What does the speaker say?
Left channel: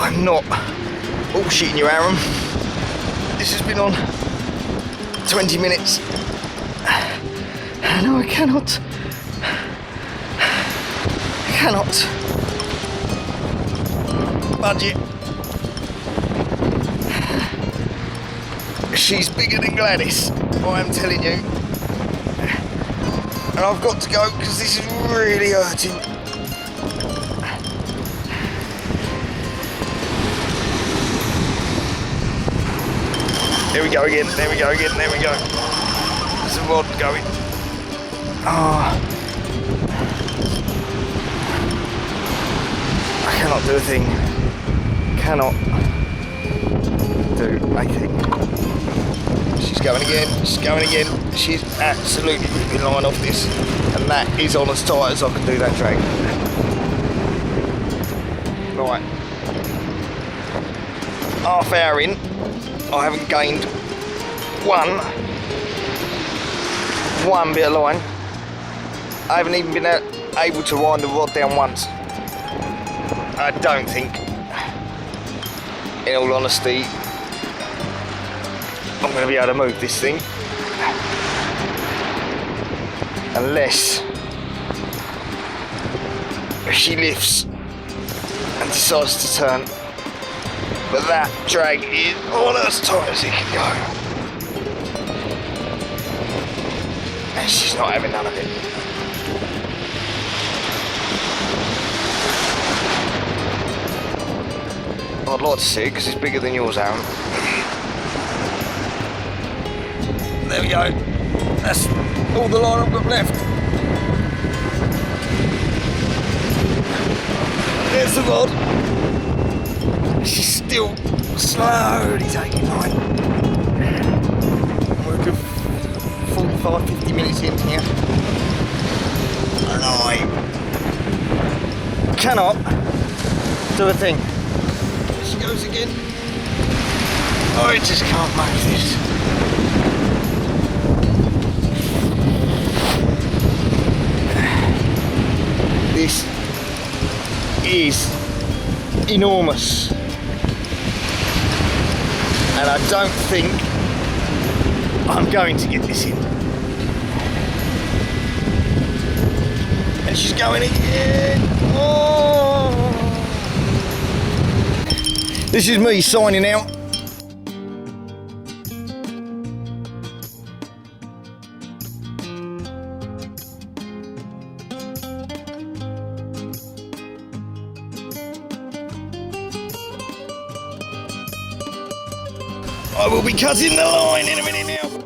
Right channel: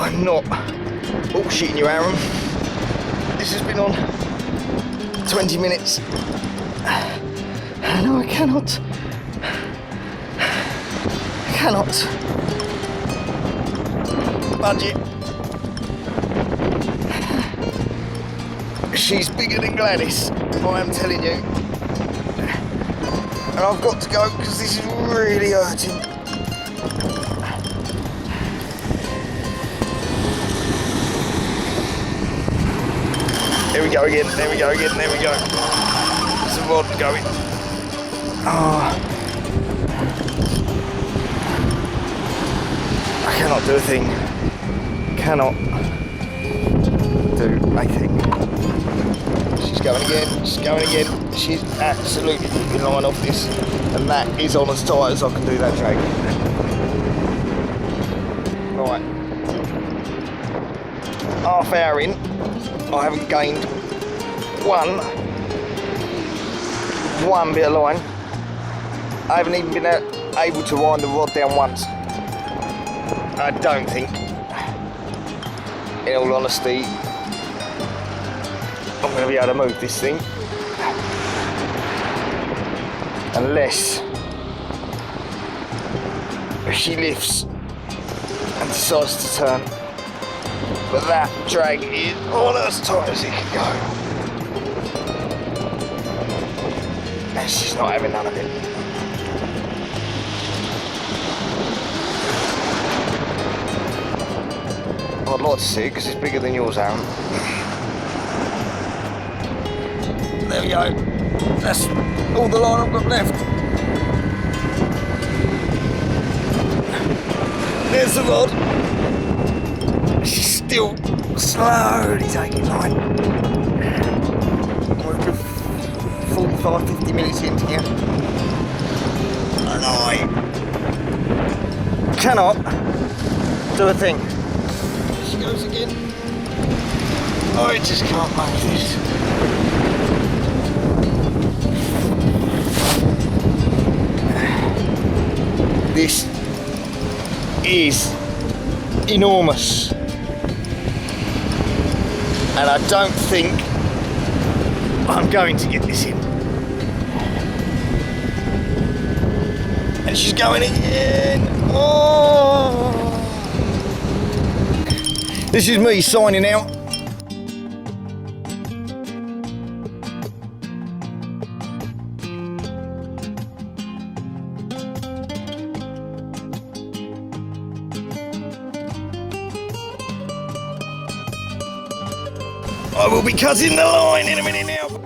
I'm not bullshitting you, Aaron. This has been on 20 minutes. No, I cannot. I cannot. Budget. She's bigger than Gladys, I am telling you. And I've got to go because this is really hurting. There we go again, there we go again, there we go. There's a rod going. Oh. I cannot do a thing. Cannot do a thing. She's going again, she's going again. She's absolutely ripping line off this. And that is on as tight as I can do that drag. Right. Half hour in. I haven't gained one bit of line. I haven't even been able to wind the rod down once. I don't think, in all honesty, I'm going to be able to move this thing unless she lifts and decides to turn. But that drag is all as tight as it can go. And she's not having none of it. I'd like to see it because it's bigger than yours, Aaron. There we go. That's all the line I've got left. There's the rod. She's still slowly taking line. We're a good 45, 50 minutes in here. And I cannot do a thing. There she goes again. I just can't make this. This is enormous. And I don't think I'm going to get this in. And she's going again. Oh. This is me signing out. I will be cutting the line in a minute now.